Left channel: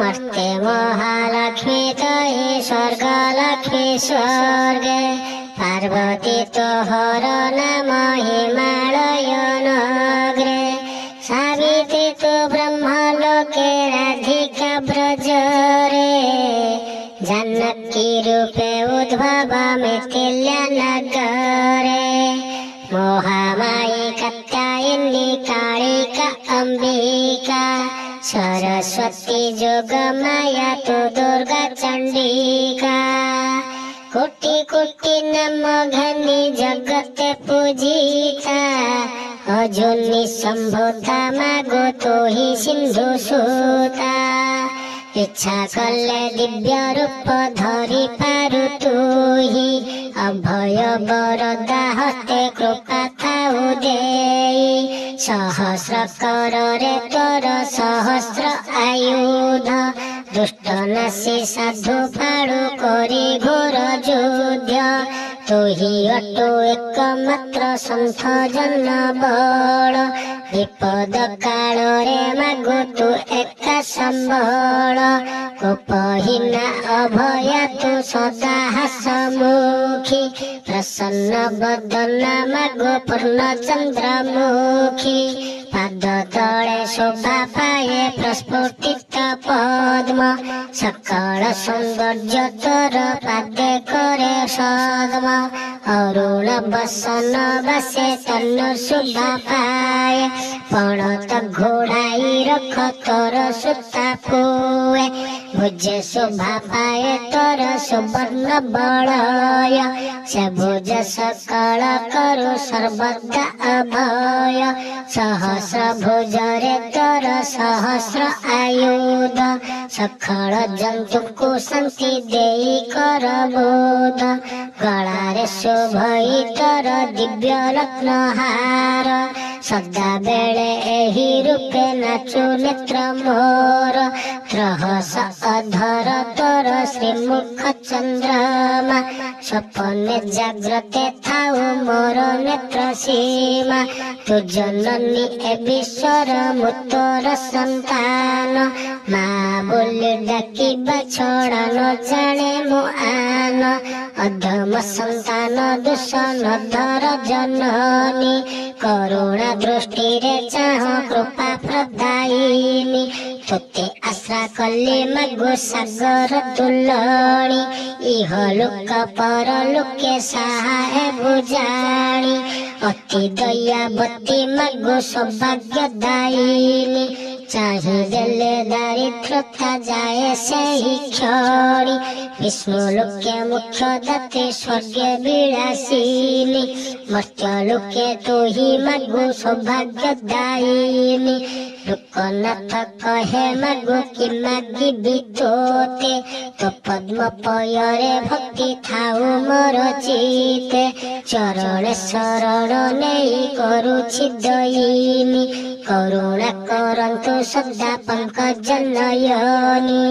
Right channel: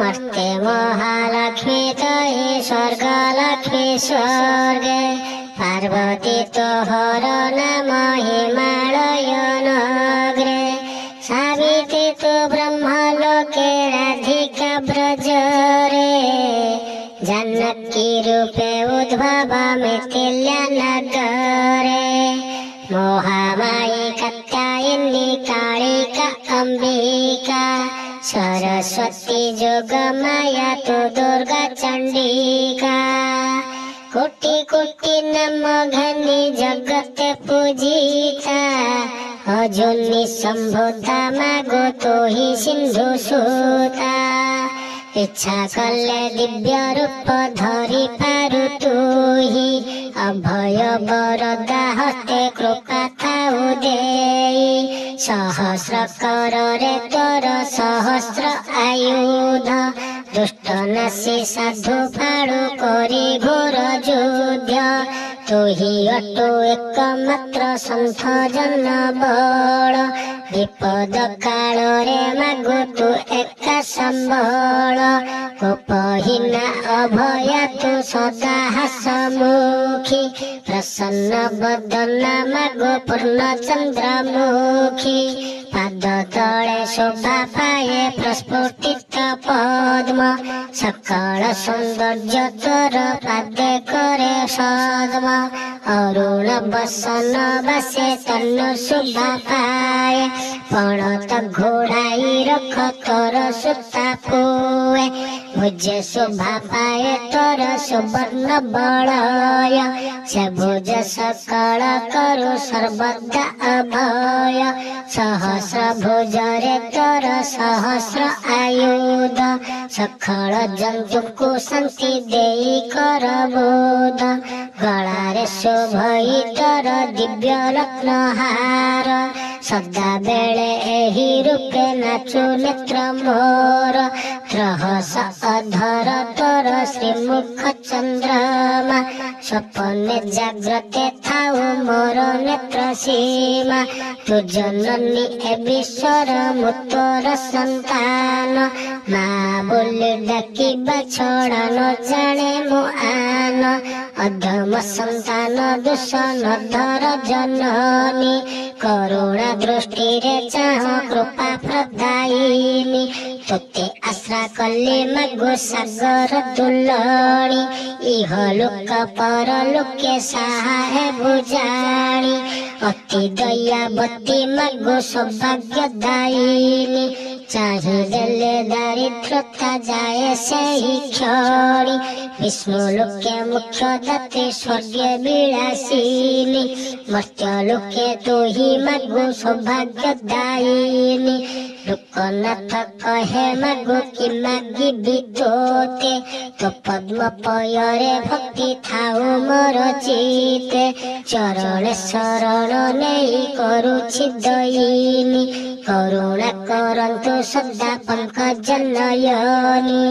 मर्त्य महालक्ष्मी तये स्वर्गलक्ष्मी स्वर्गे पार्वती तोहर नाम हिमालय नगरे सावित्री तो ब्रह्मलोके राधिका ब्रजरे जानकी रूपे उद्भव मिथिला नगरे मोहामायी कात्यायनी कालिका अंबिका सरस्वती जोगमाया तो दुर्गा चंडिका कोटि कोटि नाम घनी जगत पूजिता अजुनी संभुता मागो तो ही सिंधु सूता इच्छा कले दिव्य रूप धरि पारु तुही अभय वरदा हस्ते कृपा थाउ देई सहस्र करोरे तोर सहस्र आयुध दुष्ट नासी साधु फाड़ो करी घोर युद्ध तुही अटो एकमात्र सन्थ जन बल विपद काଳରେ मागो तू एका संबल कोपहीना अभया तू सदा हसमुखी प्रसन्न बदना मागो पूर्ण चंद्रमुखी पाद तले शोभा पाए प्रस्फुटित पद्म सकल सौंदर्य तोर पादे करे सद्म अरुण बसन बसे तनु शोभा पाए पड़त घोड़ाई रख तोर सुता कुए भुजे शोभा पाए तोर सुवर्ण बलय से भुज सकल करु सर्वदा अभय सहस्र भुजरे तोर सहस्र आयुध सकल जंतु को शांति देई कर बोध गलारे शोभई तोर दिव्य रत्नहार सदा बेले एही रूपे नाचु नेत्र मोर त्रहस अधर तोर श्रीमुख चंद्रमा सपने जाग्रते थाउ मोर नेत्र सीमा तु जननी ए विश्वर मुतोर संतान माँ बोली डाकिबा छड़ा न जाने मो आन अधम संतान दोष नधर जननी करुणा दृष्टि रे चाह कृपा प्रदायिनी तुते आश्रा कले मगु सागर दुलणी इह लोक पर लोके सहाय बुझाणी अति दयावती मगु सौभाग्य दायिनी चाहि देले दारिद्रता जाए सही क्षणी विष्णु लोके मुख्य दाते स्वर्गे विलासिनी मर्त्य लोके तो ही मगु सौभाग्य दायिनी लोकनाथ कहे मगु कि मागिबी तोते तो पद्म पयरे भक्ति थाउ मोर चिते चरण शरण नेई करुछि दयिनी करुणा करन्तु सदा पंकज नयनी।